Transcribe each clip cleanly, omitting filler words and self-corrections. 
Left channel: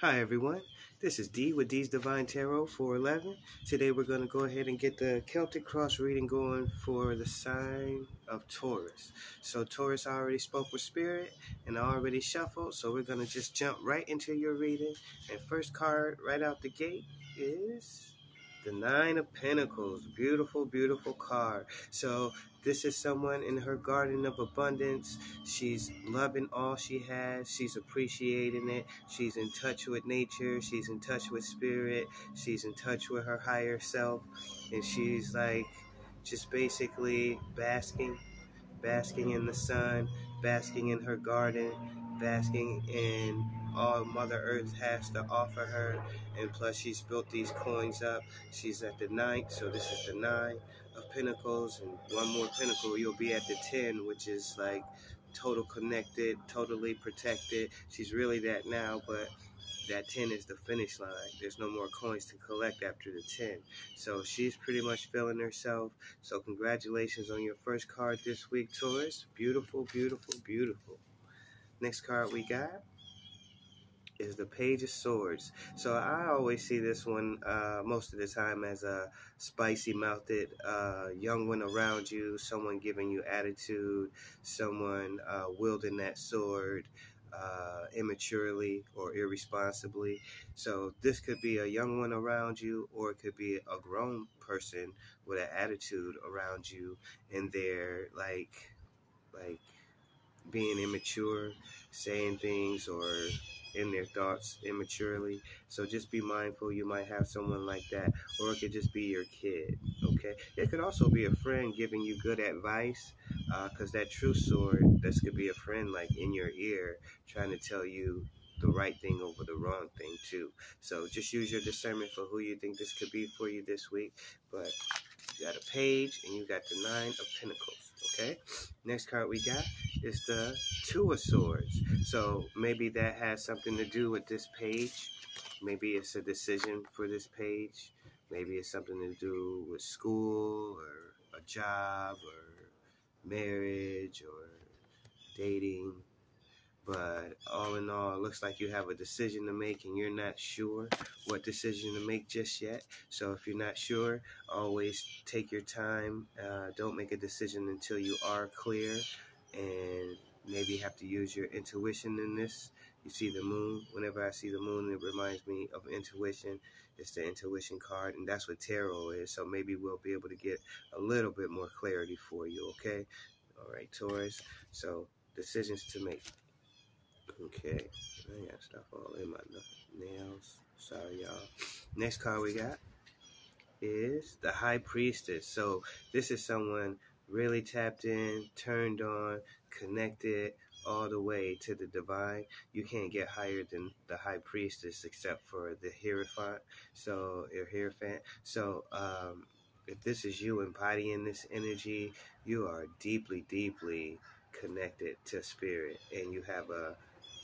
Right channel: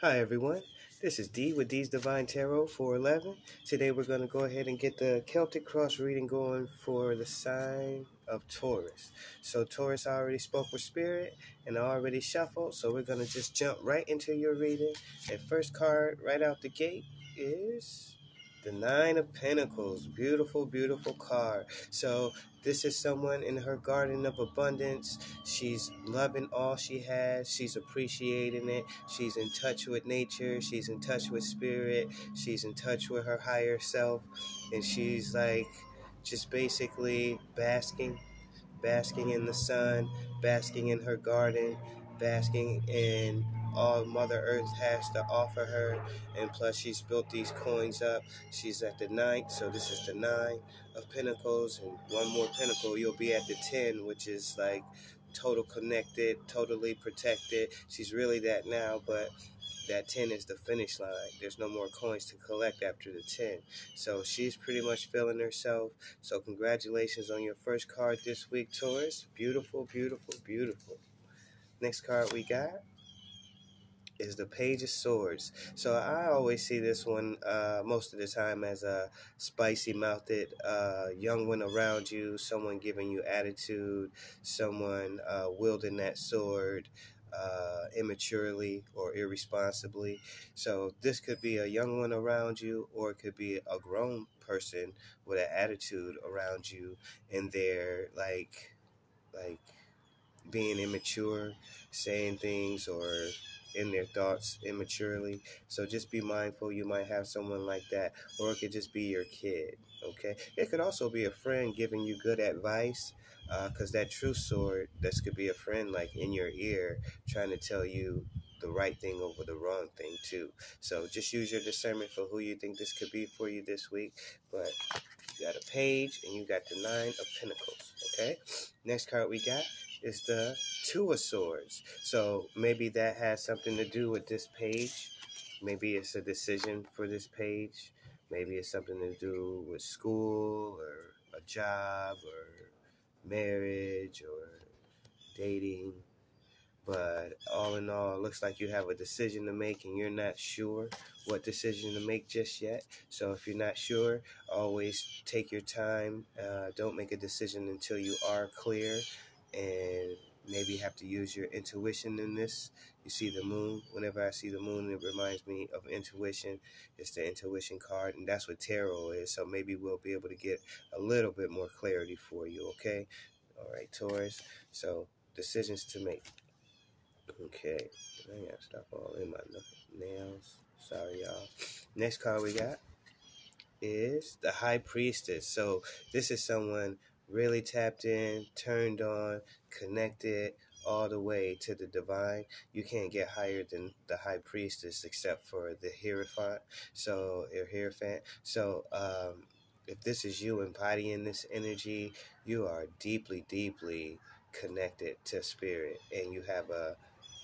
Hi everyone, this is D with D's Divine Tarot 411. Today we're going to go ahead and get the Celtic Cross reading going for the sign of Taurus. So Taurus, I already spoke with Spirit and I already shuffled, so we're going to just jump right into your reading. And first card right out the gate is the Nine of Pentacles. Beautiful, beautiful card. So this is someone in her garden of abundance. She's loving all she has. She's appreciating it. She's in touch with nature. She's in touch with spirit. She's in touch with her higher self. And she's like just basically basking in the sun, basking in her garden, basking in all Mother Earth has to offer her. And plus she's built these coins up. She's at the 9th, so this is the 9 of Pentacles, and one more Pentacle, you'll be at the 10, which is like total connected, totally protected. She's really that now, but that 10 is the finish line. There's no more coins to collect after the 10. So she's pretty much feeling herself. So congratulations on your first card this week, Taurus. Beautiful, beautiful, beautiful. Next card we got is the Page of Swords. So I always see this one most of the time as a spicy-mouthed young one around you, someone giving you attitude, someone wielding that sword immaturely or irresponsibly. So this could be a young one around you, or it could be a grown person with an attitude around you, and they're like being immature, saying things or in their thoughts immaturely. So just be mindful. You might have someone like that, or it could just be your kid. Okay, it could also be a friend giving you good advice, because that true sword, this could be a friend like in your ear trying to tell you the right thing over the wrong thing too. So just use your discernment for who you think this could be for you this week. But you got a Page and you got the 9 of Pentacles. Okay, next card we got is the Two of Swords. So maybe that has something to do with this page. Maybe it's a decision for this page. Maybe it's something to do with school or a job or marriage or dating. But all in all, it looks like you have a decision to make and you're not sure what decision to make just yet. So if you're not sure, always take your time. Don't make a decision until you are clear, and maybe have to use your intuition in this. You see the moon. Whenever I see the moon, it reminds me of intuition. It's the intuition card, and that's what tarot is. So maybe we'll be able to get a little bit more clarity for you, okay? All right, Taurus. So decisions to make. Okay, I got stuff all in my nails. Sorry, y'all. Next card we got is the High Priestess. So this is someone really tapped in, turned on, connected all the way to the divine. You can't get higher than the High Priestess except for the Hierophant. So, if this is you embodying this energy, you are deeply, deeply connected to spirit, and you have a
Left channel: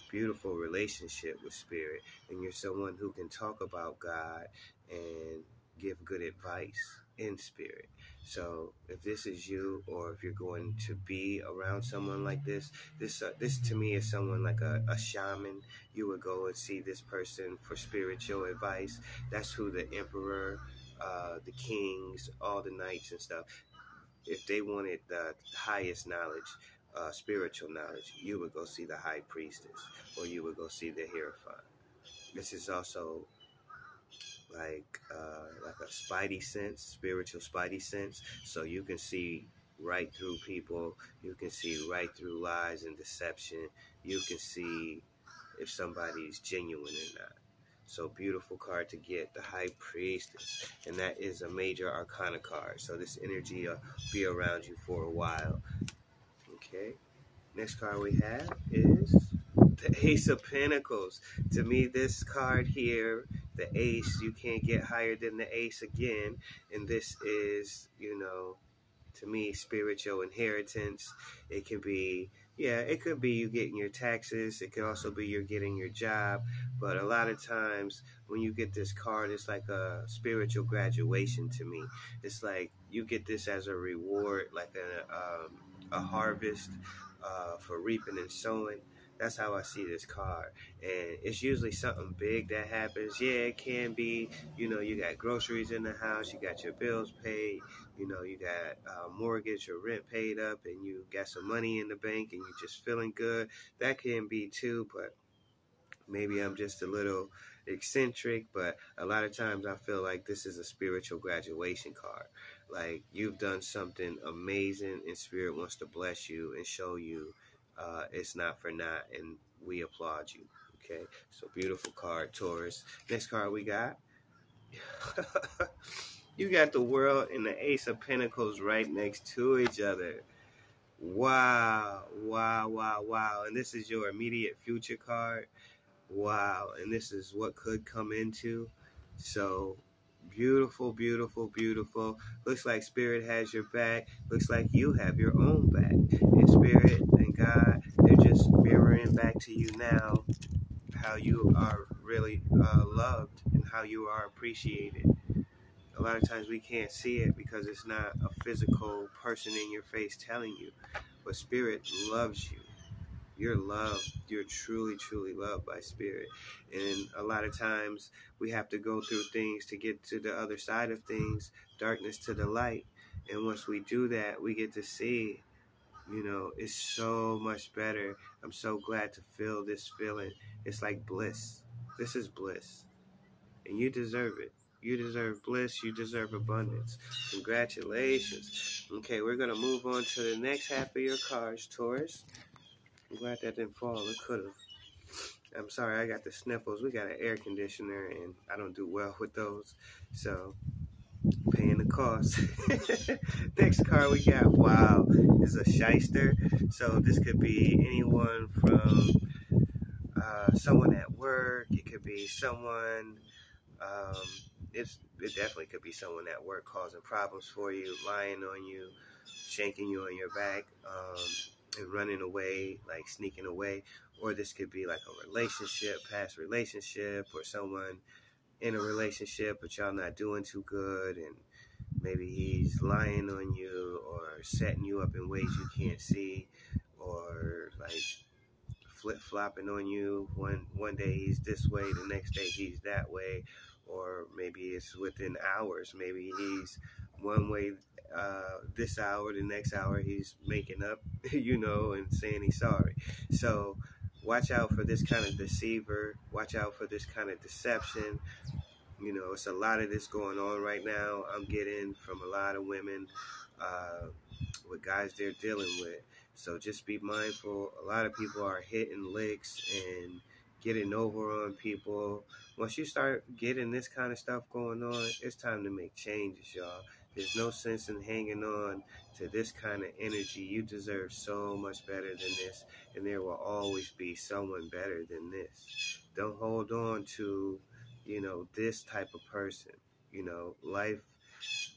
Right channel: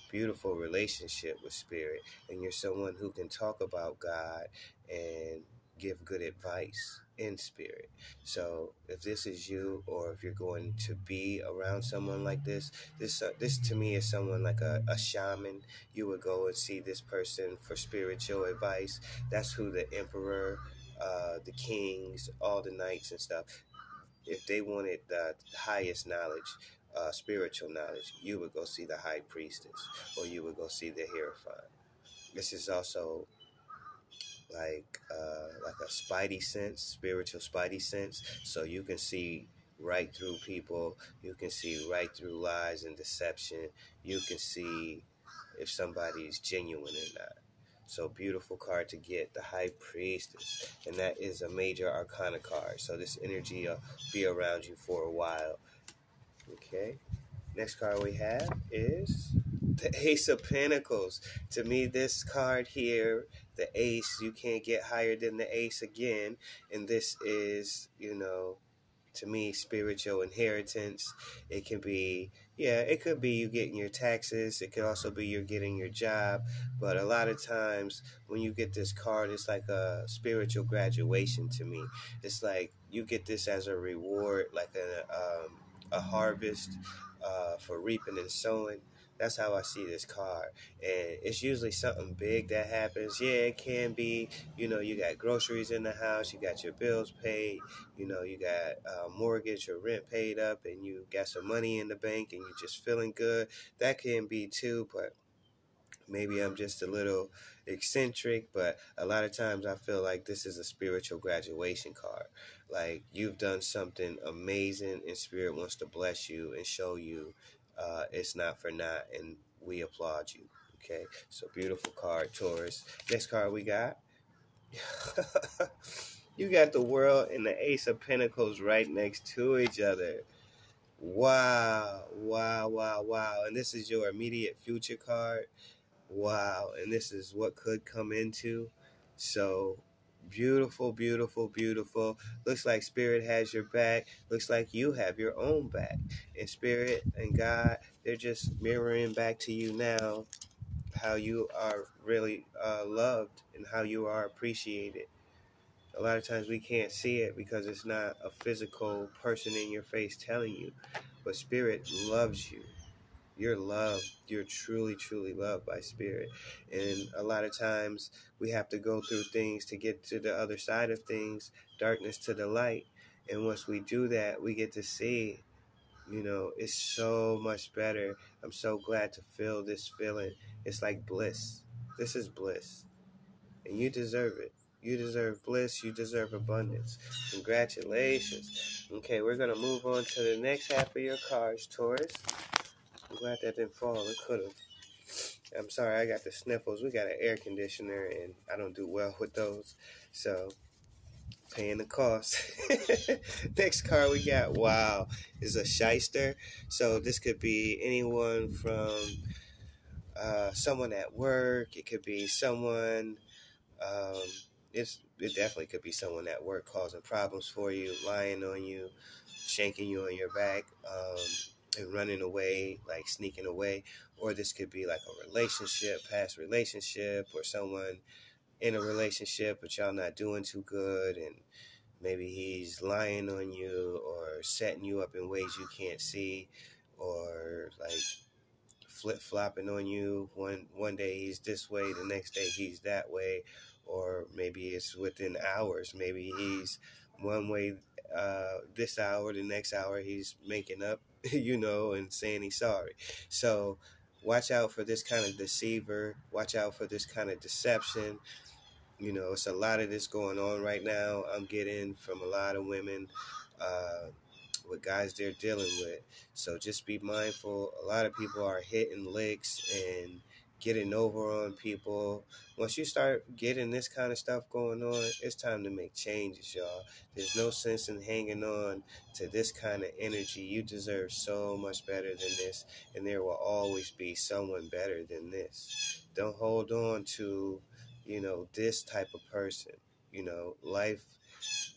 beautiful relationship with spirit, and you're someone who can talk about God and give good advice in spirit. So if this is you, or if you're going to be around someone like this to me is someone like a shaman. You would go and see this person for spiritual advice. That's who the emperor, the kings, all the knights and stuff, if they wanted the highest knowledge, spiritual knowledge, you would go see the High Priestess, or you would go see the Hierophant. This is also like a spidey sense, spiritual spidey sense. So you can see right through people. You can see right through lies and deception. You can see if somebody's genuine or not. So beautiful card to get, the High Priestess, and that is a major arcana card. So this energy will be around you for a while. Okay, next card we have is the Ace of Pentacles. To me, this card here, the Ace, you can't get higher than the Ace again. And this is, to me, spiritual inheritance. It can be, it could be you getting your taxes. It could also be you're getting your job. But a lot of times when you get this card, it's like a spiritual graduation to me. It's like you get this as a reward, like a harvest for reaping and sowing. That's how I see this card. And it's usually something big that happens. Yeah, it can be, you got groceries in the house, you got your bills paid, you got mortgage or rent paid up, and you got some money in the bank and you're just feeling good. That can be too, but maybe I'm just a little eccentric, but a lot of times I feel like this is a spiritual graduation card. Like you've done something amazing and Spirit wants to bless you and show you it's not for naught, and we applaud you. Okay, so beautiful card, Taurus. Next card we got. You got the World and the Ace of Pentacles right next to each other. Wow, wow, wow, wow. And this is your immediate future card. Wow, and this is what could come into. So beautiful, beautiful, beautiful. Looks like Spirit has your back. Looks like you have your own back. And Spirit and God, they're just mirroring back to you now how you are really loved and how you are appreciated. A lot of times we can't see it because it's not a physical person in your face telling you, but Spirit loves you. You're loved. You're truly, truly loved by Spirit. And a lot of times we have to go through things to get to the other side of things, darkness to the light. And once we do that, we get to see, it's so much better. I'm so glad to feel this feeling. It's like bliss. This is bliss. And you deserve it. You deserve bliss. You deserve abundance. Congratulations. Okay, we're going to move on to the next half of your cards, Taurus. I'm glad that didn't fall. It could have. I'm sorry, I got the sniffles. We got an air conditioner, and I don't do well with those. So, paying the cost. Next card we got, wow, is a shyster. So, this could be anyone from someone at work. It could be someone, it definitely could be someone at work causing problems for you, lying on you, shanking you on your back, and running away, like sneaking away. Or this could be like a relationship, past relationship, or someone in a relationship but y'all not doing too good, and maybe he's lying on you or setting you up in ways you can't see, or like flip-flopping on you. One day he's this way, the next day he's that way. Or maybe it's within hours. Maybe he's one way this hour, the next hour he's making up, and saying he's sorry. So watch out for this kind of deceiver. Watch out for this kind of deception. It's a lot of this going on right now. I'm getting from a lot of women with guys they're dealing with. So just be mindful. A lot of people are hitting licks and getting over on people. Once you start getting this kind of stuff going on, it's time to make changes, y'all. There's no sense in hanging on to this kind of energy. You deserve so much better than this, and there will always be someone better than this. Don't hold on to, this type of person. Life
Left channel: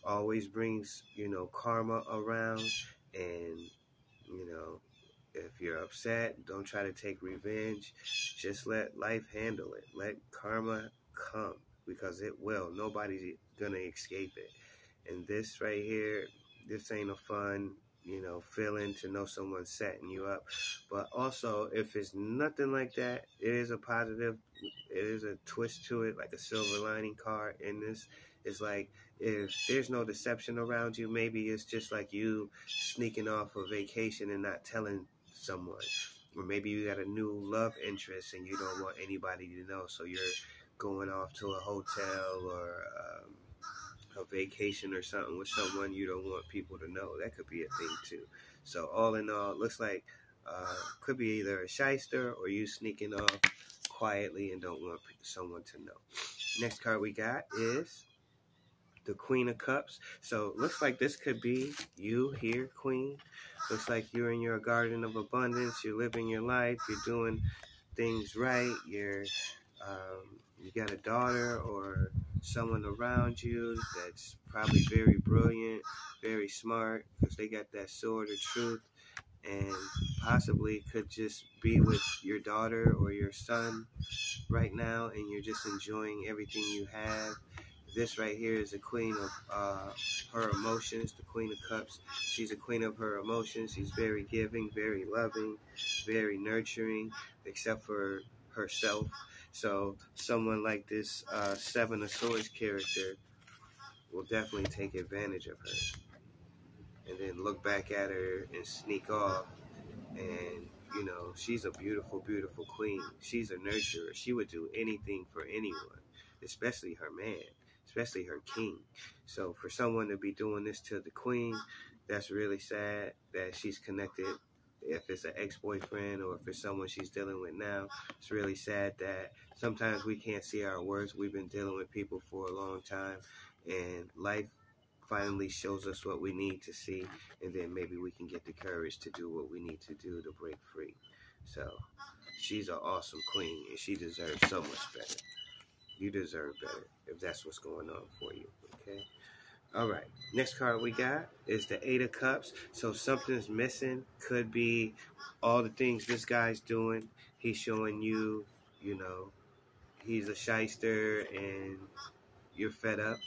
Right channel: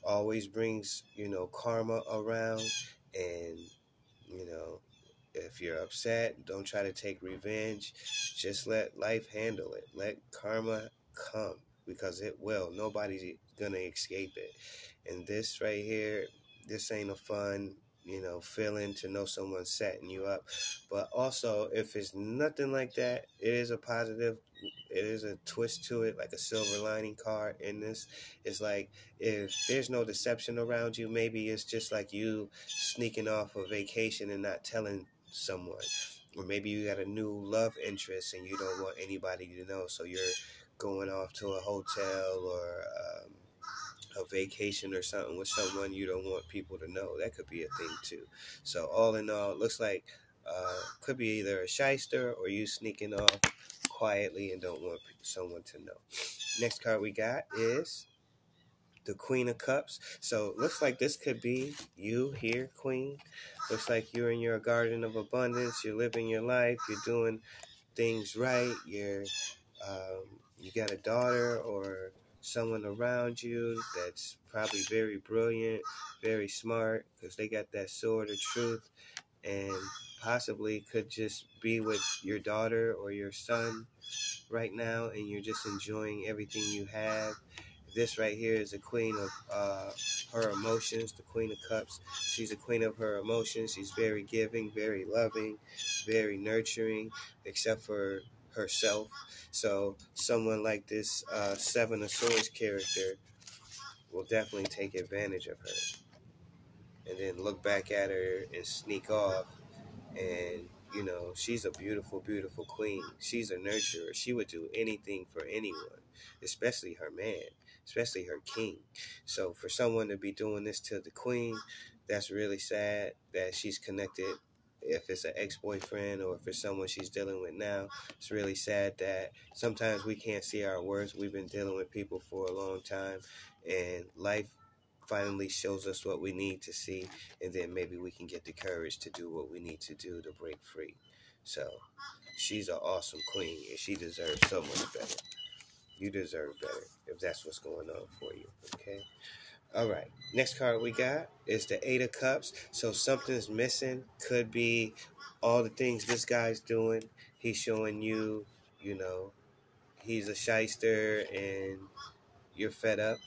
always brings, karma around, and, if you're upset, don't try to take revenge. Just let life handle it. Let karma come, because it will. Nobody's gonna escape it. And this right here, this ain't a fun, feeling to know someone's setting you up. But also, if it's nothing like that, it is a positive. It is a twist to it, like a silver lining card in this. It's like, if there's no deception around you, maybe it's just like you sneaking off a vacation and not telling someone. Or maybe you got a new love interest and you don't want anybody to know, so you're going off to a hotel or a vacation or something with someone you don't want people to know. That could be a thing too. So all in all, it looks like could be either a shyster or you sneaking off quietly and don't want someone to know. Next card we got is the Queen of Cups. So looks like this could be you here, Queen. Looks like you're in your garden of abundance. You're living your life. You're doing things right. You got a daughter or someone around you that's probably very brilliant, very smart, because they got that sword of truth, and possibly could just be with your daughter or your son right now, and you're just enjoying everything you have. This right here is the queen of her emotions, the Queen of Cups. She's a queen of her emotions. She's very giving, very loving, very nurturing, except for herself. So someone like this Seven of Swords character will definitely take advantage of her and then look back at her and sneak off. And, you know, she's a beautiful, beautiful queen. She's a nurturer. She would do anything for anyone, especially her man, especially her king. So for someone to be doing this to the queen, that's really sad that she's connected. If it's an ex-boyfriend or if it's someone she's dealing with now, it's really sad that sometimes we can't see our worth. We've been dealing with people for a long time, and life finally shows us what we need to see, and then maybe we can get the courage to do what we need to do to break free. So she's an awesome queen, and she deserves so much better. You deserve better if that's what's going on for you, okay? All right, next card we got is the Eight of Cups. So something's missing. Could be all the things this guy's doing. He's showing you, you know, he's a shyster and you're fed up.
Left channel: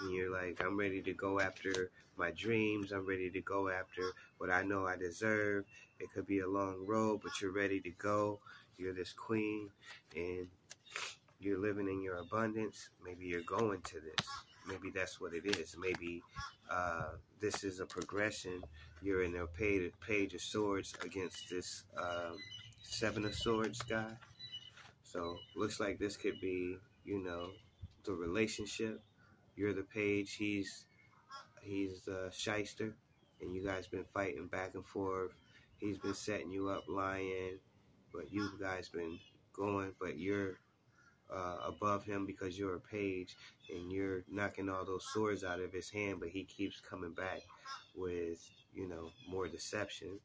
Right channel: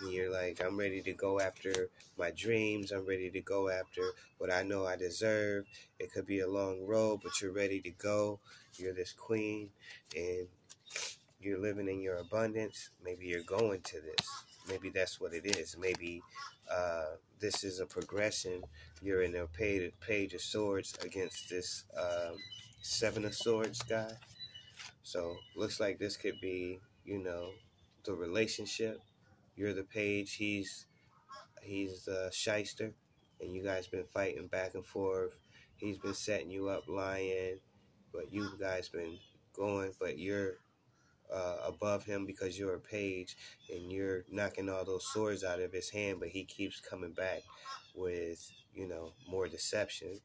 And you're like, I'm ready to go after my dreams. I'm ready to go after what I know I deserve. It could be a long road, but you're ready to go. You're this queen, and you're living in your abundance. Maybe you're going to this. Maybe that's what it is. Maybe this is a progression. You're in a page of swords against this Seven of Swords guy. So looks like this could be, you know, the relationship. You're the page, he's the shyster, and you guys been fighting back and forth. He's been setting you up, lying, but you guys been going, but you're above him because you're a page, and you're knocking all those swords out of his hand, but he keeps coming back with, you know, more deception,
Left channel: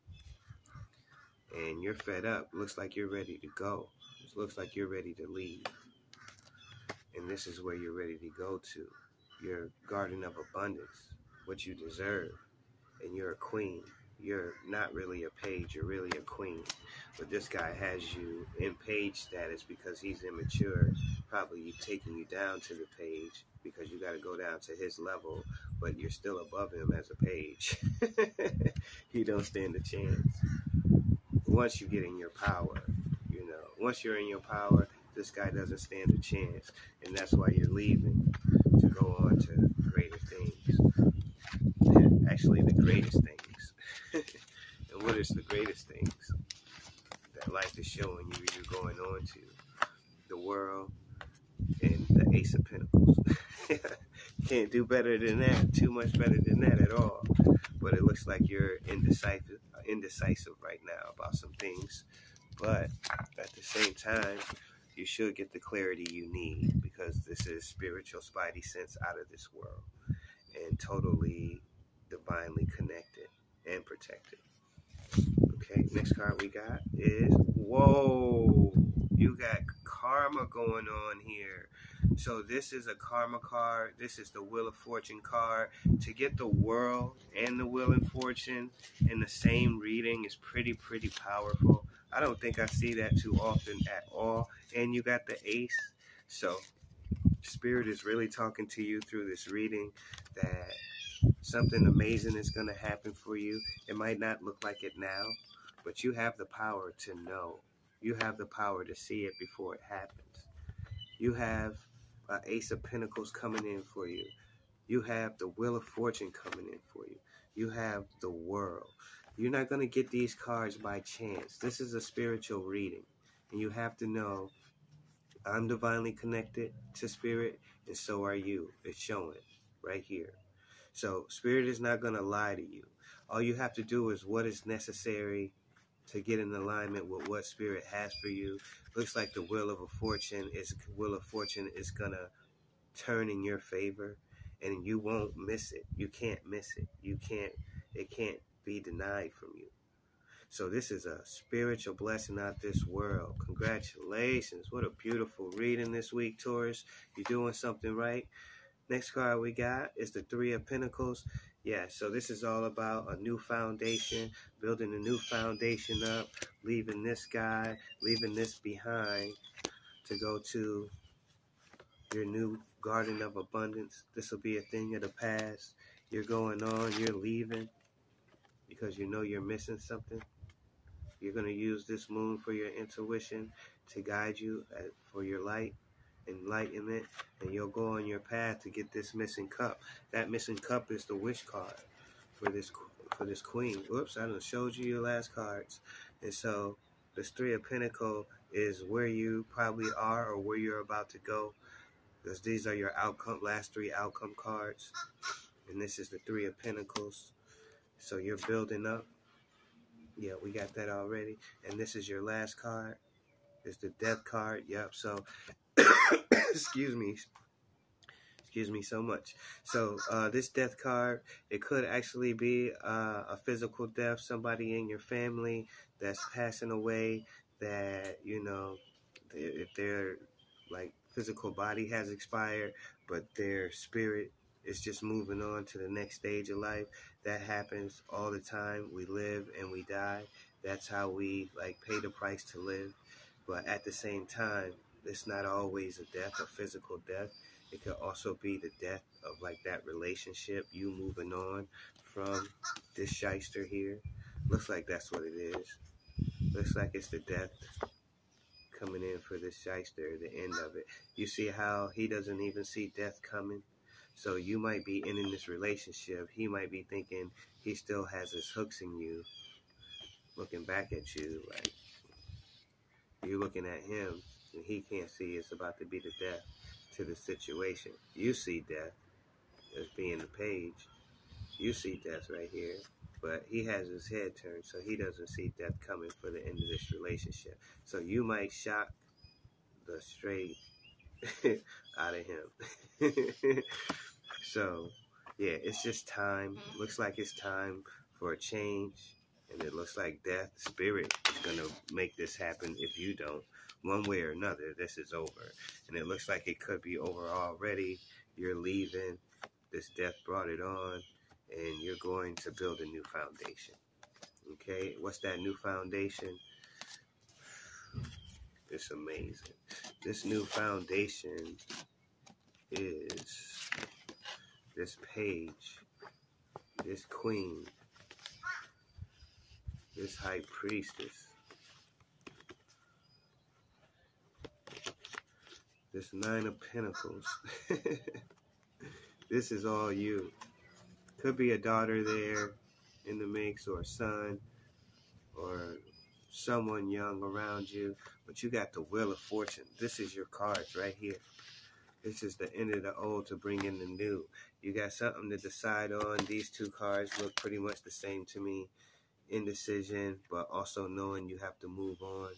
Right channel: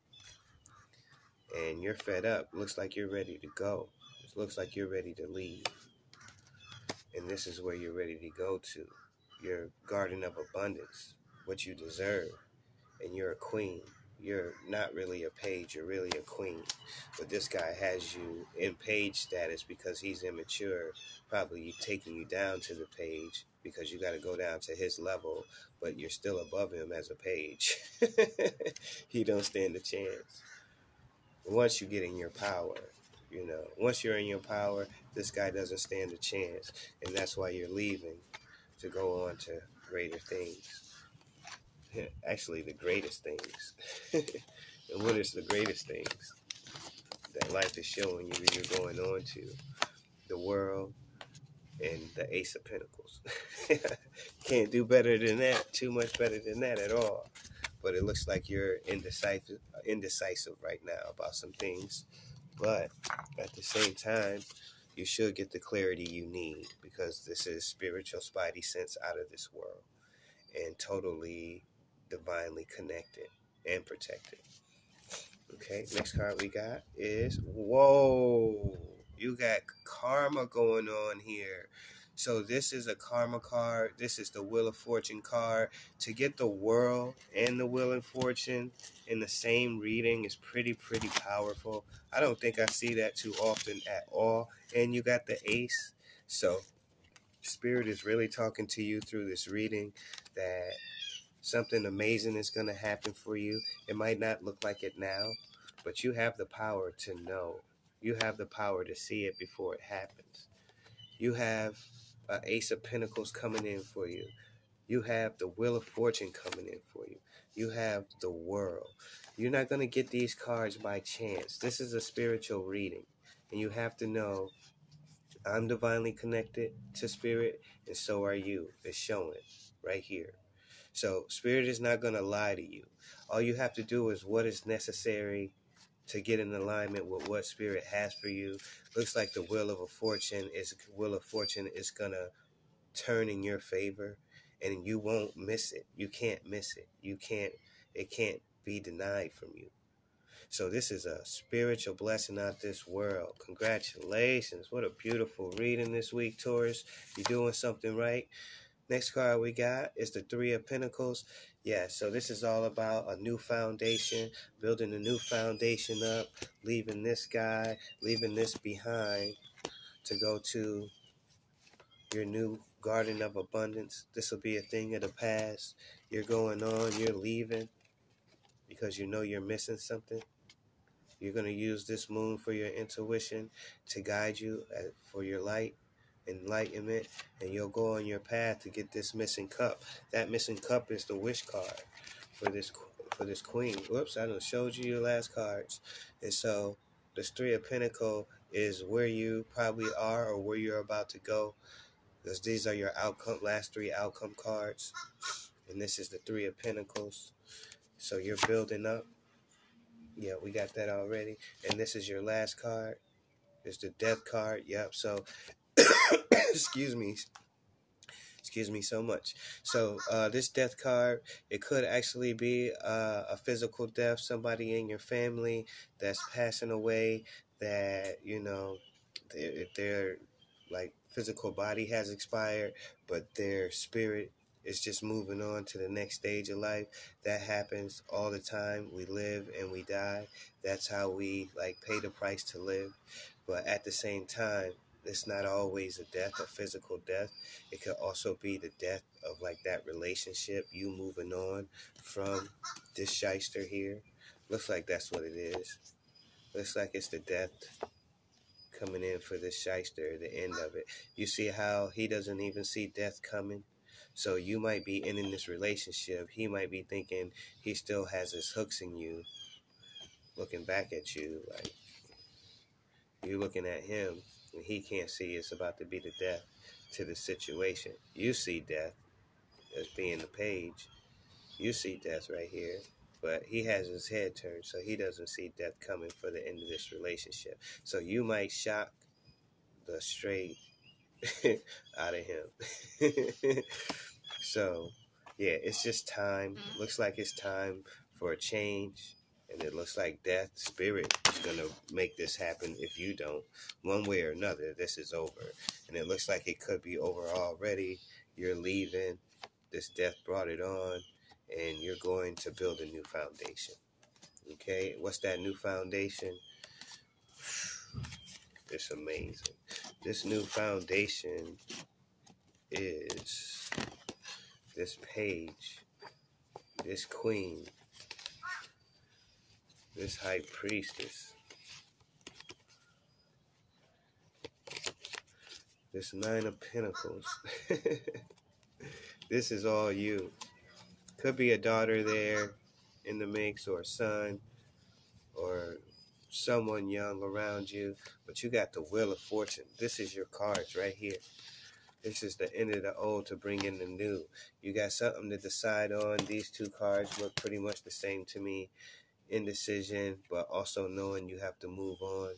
and you're fed up. Looks like you're ready to go. It looks like you're ready to leave, and this is where you're ready to go to. Your garden of abundance, what you deserve, and you're a queen. You're not really a page, you're really a queen. But this guy has you in page status because he's immature, probably taking you down to the page because you got to go down to his level, but you're still above him as a page. He don't stand a chance. Once you get in your power, you know, once you're in your power, this guy doesn't stand a chance, and that's why you're leaving to go on to greater things. And actually, the greatest things. And what is the greatest things that life is showing you you're going on to? The world and the Ace of Pentacles. Can't do better than that. Too much better than that at all. But it looks like you're indecisive right now about some things. But at the same time, you should get the clarity you need, because this is spiritual spidey sense out of this world and totally divinely connected and protected. Okay, next card we got is, whoa, you got karma going on here. So this is a karma card. This is the Wheel of Fortune card. To get the world and the Wheel of Fortune in the same reading is pretty powerful. I don't think I see that too often at all. And you got the Ace. So Spirit is really talking to you through this reading that something amazing is going to happen for you. It might not look like it now, but you have the power to know. You have the power to see it before it happens. You have an Ace of Pentacles coming in for you. You have the Wheel of Fortune coming in for you. You have the world. You're not going to get these cards by chance. This is a spiritual reading, and you have to know I'm divinely connected to Spirit, and so are you. It's showing right here. So Spirit is not going to lie to you. All you have to do is what is necessary to get in alignment with what Spirit has for you. Looks like the Wheel of Fortune is going to turn in your favor, and you won't miss it. You can't miss it. It can't be denied from you. So this is a spiritual blessing out this world. Congratulations. What a beautiful reading this week, Taurus. You're doing something right. Next card we got is the Three of Pentacles. Yeah, so this is all about a new foundation, building a new foundation up, leaving this guy, leaving this behind to go to, your new garden of abundance. This will be a thing of the past. You're going on, you're leaving because you know you're missing something. You're going to use this moon for your intuition to guide you for your light, enlightenment, and you'll go on your path to get this missing cup. That missing cup is the wish card for this queen. Whoops, I done showed you your last cards. And so this Three of Pentacles is where you probably are or where you're about to go, because these are your last three outcome cards. And this is the Three of Pentacles. So you're building up. Yeah, we got that already. And this is your last card. It's the Death card. Yep. So, excuse me so much. So this death card, it could actually be a physical death, somebody in your family that's passing away, that, you know, if their like physical body has expired, but their spirit is just moving on to the next stage of life. That happens all the time. We live and we die. That's how we like pay the price to live. But at the same time, it's not always a death, a physical death. It could also be the death of like that relationship, you moving on from this shyster here. Looks like that's what it is. Looks like it's the death coming in for this shyster, the end of it. You see how he doesn't even see death coming? So you might be ending this relationship. He might be thinking he still has his hooks in you, looking back at you like you're looking at him, and he can't see it's about to be the death to the situation. You see death as being the page. You see death right here, but he has his head turned, so he doesn't see death coming for the end of this relationship. So you might shock the straight out of him. So yeah, it's just time. Looks like it's time for a change. And it looks like death, spirit is going to make this happen if you don't. One way or another, this is over. And it looks like it could be over already. You're leaving. This death brought it on. And you're going to build a new foundation. Okay? What's that new foundation? It's amazing. This new foundation is this page, this queen, this high priestess, this Nine of Pentacles. This is all you. Could be a daughter there in the mix, or a son, or someone young around you. But you got the Wheel of Fortune. This is your cards right here. This is the end of the old to bring in the new. You got something to decide on. These two cards look pretty much the same to me. Indecision, but also knowing you have to move on.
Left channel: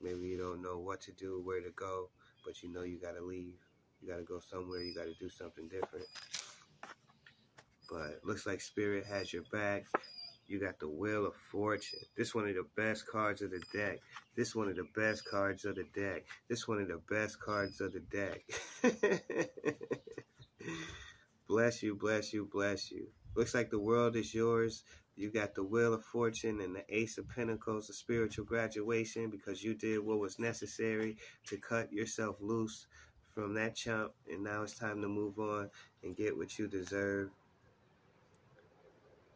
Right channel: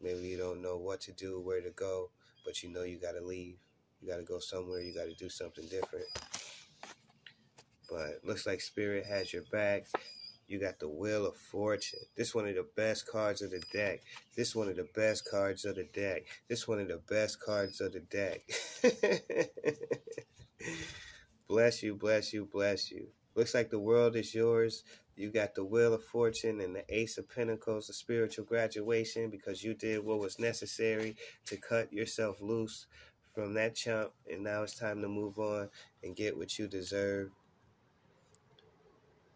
Maybe you don't know what to do, where to go, but you know you got to leave. You got to go somewhere. You got to do something different. But looks like Spirit has your back. You got the Wheel of Fortune. This one of the best cards of the deck. This one of the best cards of the deck. This one of the best cards of the deck. Bless you, bless you, bless you. Looks like the world is yours. You got the Wheel of Fortune and the Ace of Pentacles, the spiritual graduation, because you did what was necessary to cut yourself loose from that chump. And now it's time to move on and get what you deserve.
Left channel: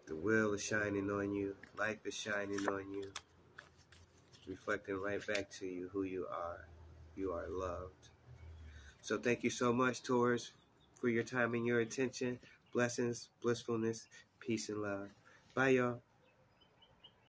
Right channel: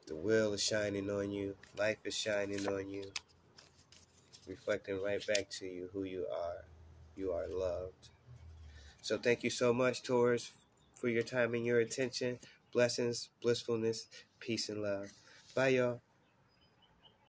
The wheel is shining on you. Life is shining on you. Reflecting right back to you who you are. You are loved. So thank you so much, Taurus, for your time and your attention. Blessings, blissfulness, peace, and love. Bye, y'all.